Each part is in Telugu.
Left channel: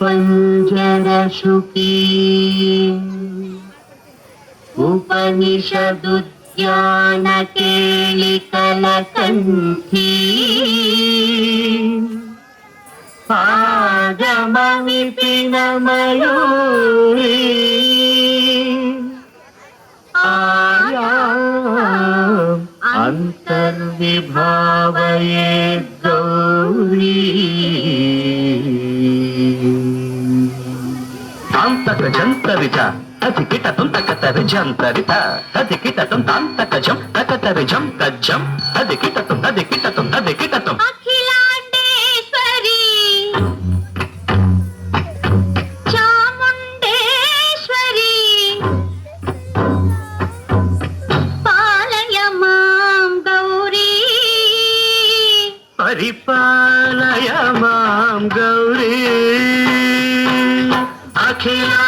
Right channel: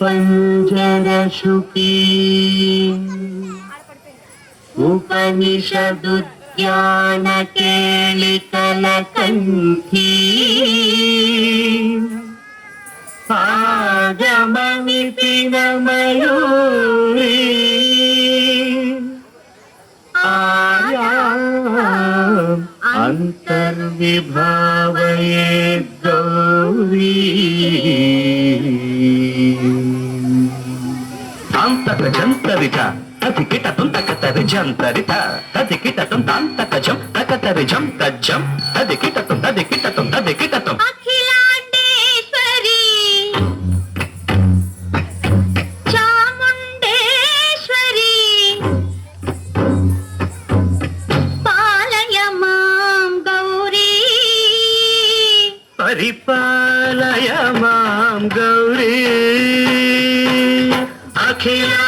పంజరశుకి ఉపనిషదుద్యాన కేళికల కంఠీ ఆగమ విపిన మయూరీ అంతర్విభావయే గౌరీ తాంతకజంతరిత తదికిటతం తకతరిజంతరిత తదికిటతం తాంతకజం తకతరిజం తజ్జం తదికిటతం తదికిటతం తదికిటతం పరిపాలయ మాం గౌరీ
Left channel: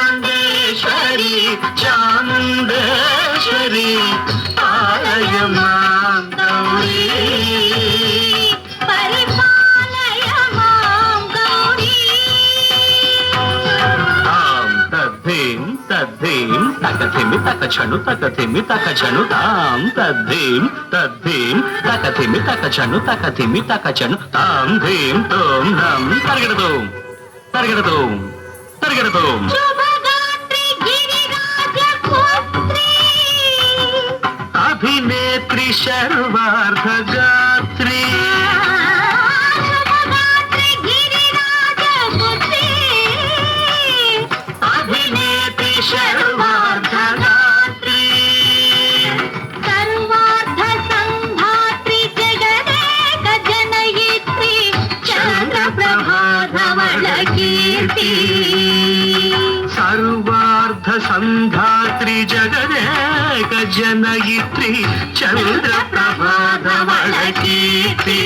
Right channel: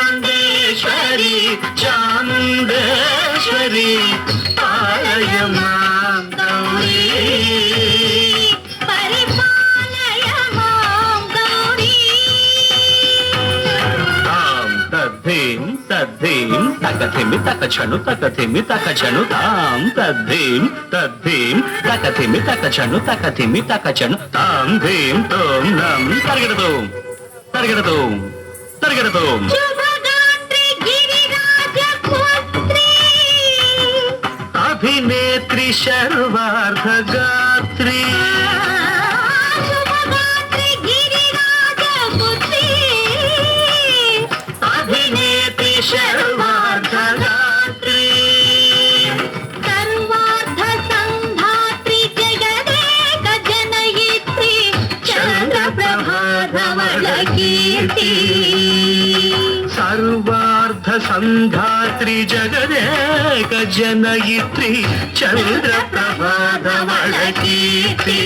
అఖిలాండేశ్వరి చాముండేశ్వరి పాలయ మాం గౌరీ పరిపాలయ మాం గౌరీ తాం తద్ధీం తద్ధీం తకథిమి తకచను తకథిమి తకచను తాం తద్ధీం తద్ధీం తకథిమి తకచను తకథిమి తకచను తాం ధీం తోం నం తరగడదోం తరగడదోం తరగడదోం అభినేత్రి శర్వార్ధగాత్రి అభినేత్రి శర్వార్ధగాత్రి సర్వార్ధ సంధాత్రి జగదేక జనయిత్రి చంద్రప్రభాధవళ కీర్తి సర్వార్ధ సంధాత్రి జగదేక జనయిత్రి చంద్రప్రభాధవళ కీర్తి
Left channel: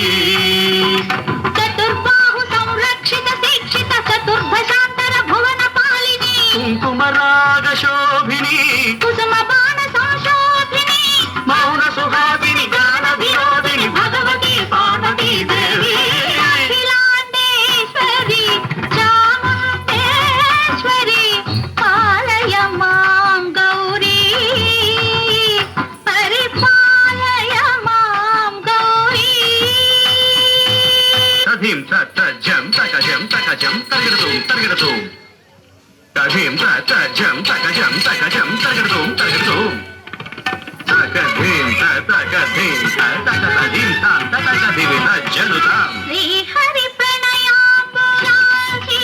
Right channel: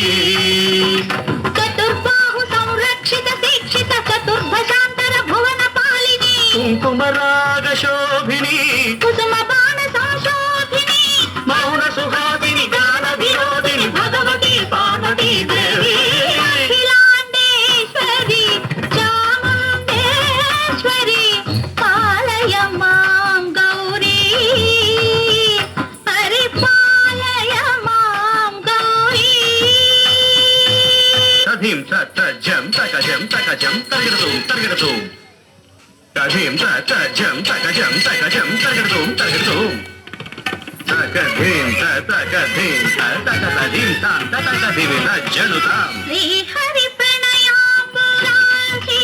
చతుర్బాహు సంరక్షిత దీక్షిత చతుర్భశాంతర భువన పాలిని కుంకుమరాగ శోభిని కుసుమ బాణ సంశోభిని మౌన సుహాసిని గాన వినోదిని భగవతి పార్వతీ దేవి అఖిలాండేశ్వరి చాముండేశ్వరి పాలయ మాం గౌరీ పరిపాలయ మాం గౌరీ తథీం తజ్జం తకజం తకజం తరగడదోం తరగడదోం తథీం తజ్జం తకజం తకజం తరగడదోం తరగడదోం తకధీం తకధీం తకధీం తాం తకధీం తజ్జనుతాం శ్రీహరి ప్రణయాపురాసి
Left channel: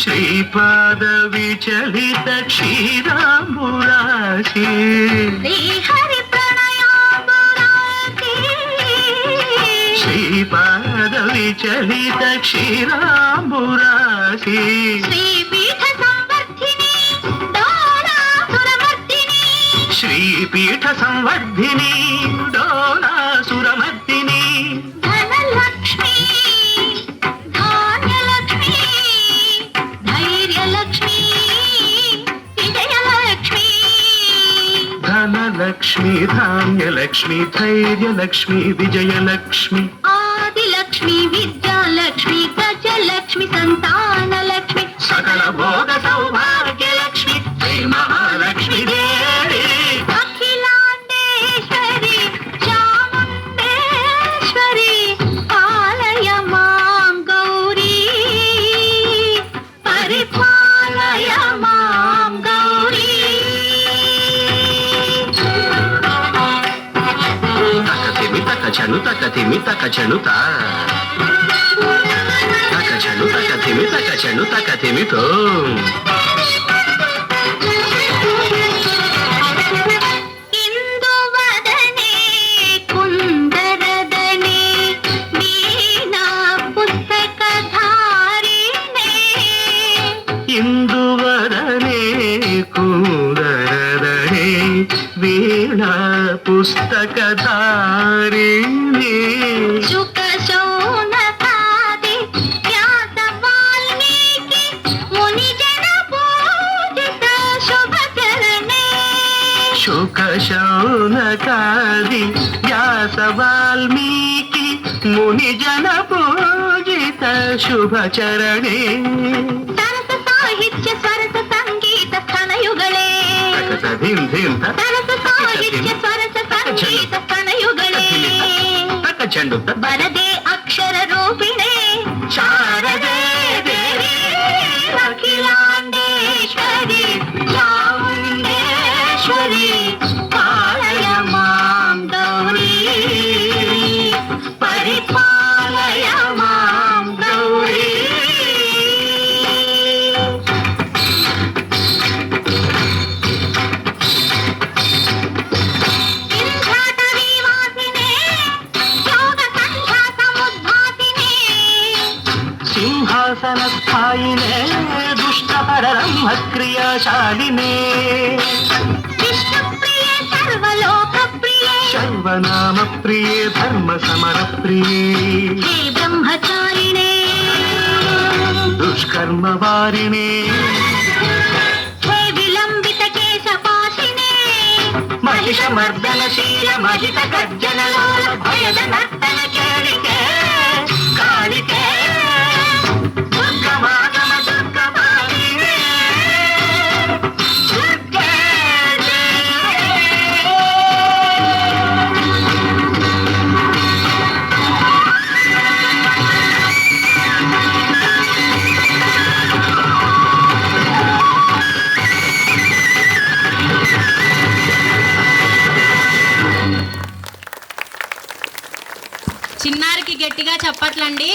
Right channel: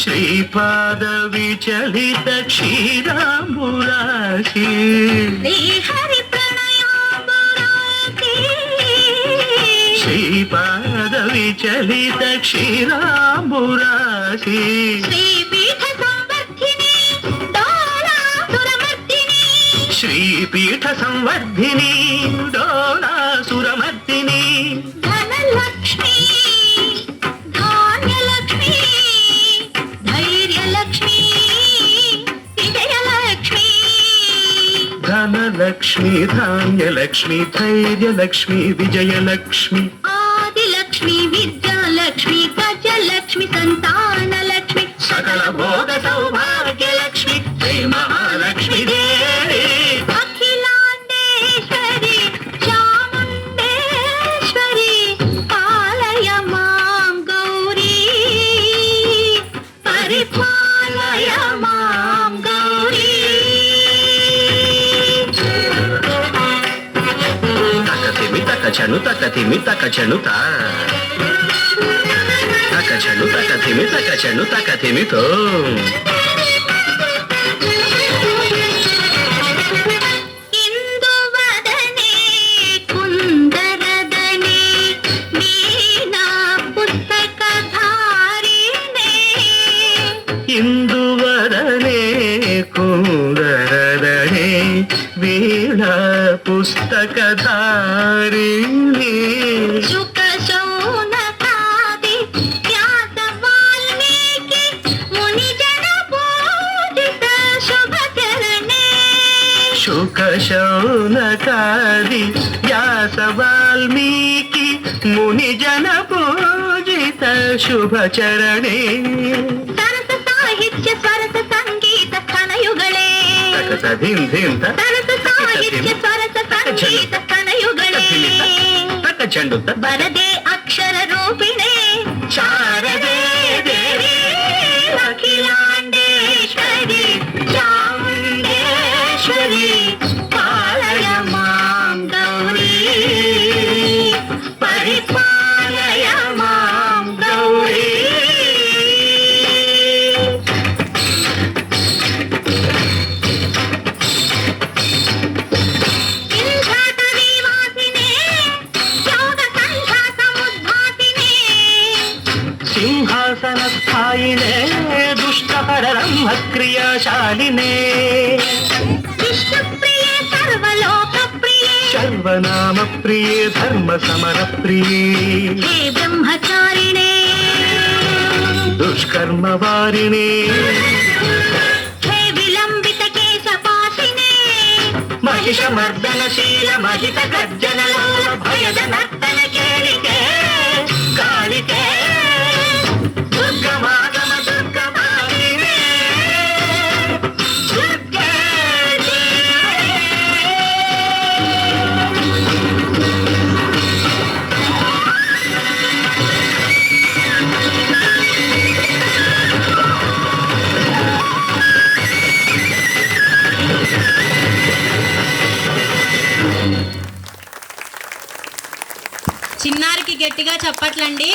శ్రీపాద విచలిత క్షీరాంబురాశి శ్రీహరి ప్రణయాపురాసి శ్రీపాద విచలిత క్షీరాంబురాశి శ్రీపీఠ సంవర్ధిని డోలాసురమర్దిని శ్రీపీఠ సంవర్ధిని డోలాసురమర్దిని ధనలక్ష్మి ధాన్యలక్ష్మి ధైర్యలక్ష్మి విజయలక్ష్మి ధనలక్ష్మి ధాన్యలక్ష్మి ధైర్యలక్ష్మి విజయలక్ష్మి ఆదిలక్ష్మి విద్యాలక్ష్మి గజలక్ష్మి సంతానలక్ష్మి సకల భోగ సౌభాగ్యలక్ష్మి శ్రీ మహాలక్ష్మి దేవి అఖిలాండేశ్వరి చాముండేశ్వరి పాలయ మాం గౌరీ పరిపాలయ మాం గౌరీ తకతిమి తకచను తకతిమి తకచను తా తకచను తకతిమి తకచను తకతిమి తో ఇందువదనే కుందరదనే వీణా పుస్తకధారిణే ఇందువరనే కుందరదనే వీణ పుస్తకధారిణి శుక శౌనకాది వ్యాస వాల్మీకి ముని జన పూజిత శుభచరణే శుక శౌనకాది వ్యాస వాల్మీకి ముని జన పూజిత ಶುಭಚರಣೆ ಸರಸ ಸಾಹಿತ್ಯ ಸ್ವರಸ ಸಂಗೀತ ಸ್ತನಯುಗಳೇ ತಕತ ಧಿಂ ಧಿಂ ತ ಸರಸ ಸಾಹಿತ್ಯ ಸ್ವರಸ ಸಂಗೀತ ಸ್ತನಯುಗಳೇ ತಕ ಚೆಂಡು ತ ಬರದೆ ಅಕ್ಷರ ರೂಪಿಣೆ ಶಾರದೆ ದೇವಿ ಅಖಿಲಾಂಡೇಶ್ವರಿ ಚಾಮುಂಡೇಶ್ವರಿ ಕಾಳಯ ಮಾಂ ಗೌರಿ ಪರಿಪಾಲಯ ಮಾಂ ಗೌರಿ ಇಂಘಾಟವಿ ವಾಸಿನೇ ಯೋಗ ಸಂಧ್ಯಾ ಸಮುದ್ಭಾಸಿನೇ ಸಿಂಹಾಸನ ಸ್ಥಾಯಿನೇ ದುಷ್ಟಪರಬ್ರಹ್ಮ ಕ್ರಿಯಾಶಾಲಿನೇ ವಿಶ್ವಪ್ರಿಯೆ ಸರ್ವಲೋಕಪ್ರಿಯೆ ಸರ್ವನಾಮ ಪ್ರಿಯೇ ಧರ್ಮ ಸಮರ ಪ್ರಿಯೇ ಹೇ ಬ್ರಹ್ಮಚಾರಿಣೆ ದುಷ್ಕರ್ಮ ವಾರಿಣೇ ಹೇ ವಿಲಂಬಿತ ಕೇಶಪಾಶಿನೇ ಮಹಿಷ ಮರ್ದನಶೀಲ ಮಹಿತ ಗರ್ಜನ ಲೋಲ ಭಯದ ನರ್ತನ ಕೇಳಿಕೆ ಕಾಳಿಕೆ ದುರ್ಗಮಾಗಮ ದುರ್ಗಮಾಲಿನೇ ದುರ್ಗೆ చిన్నారికి గట్టిగా చెప్పట్లండి.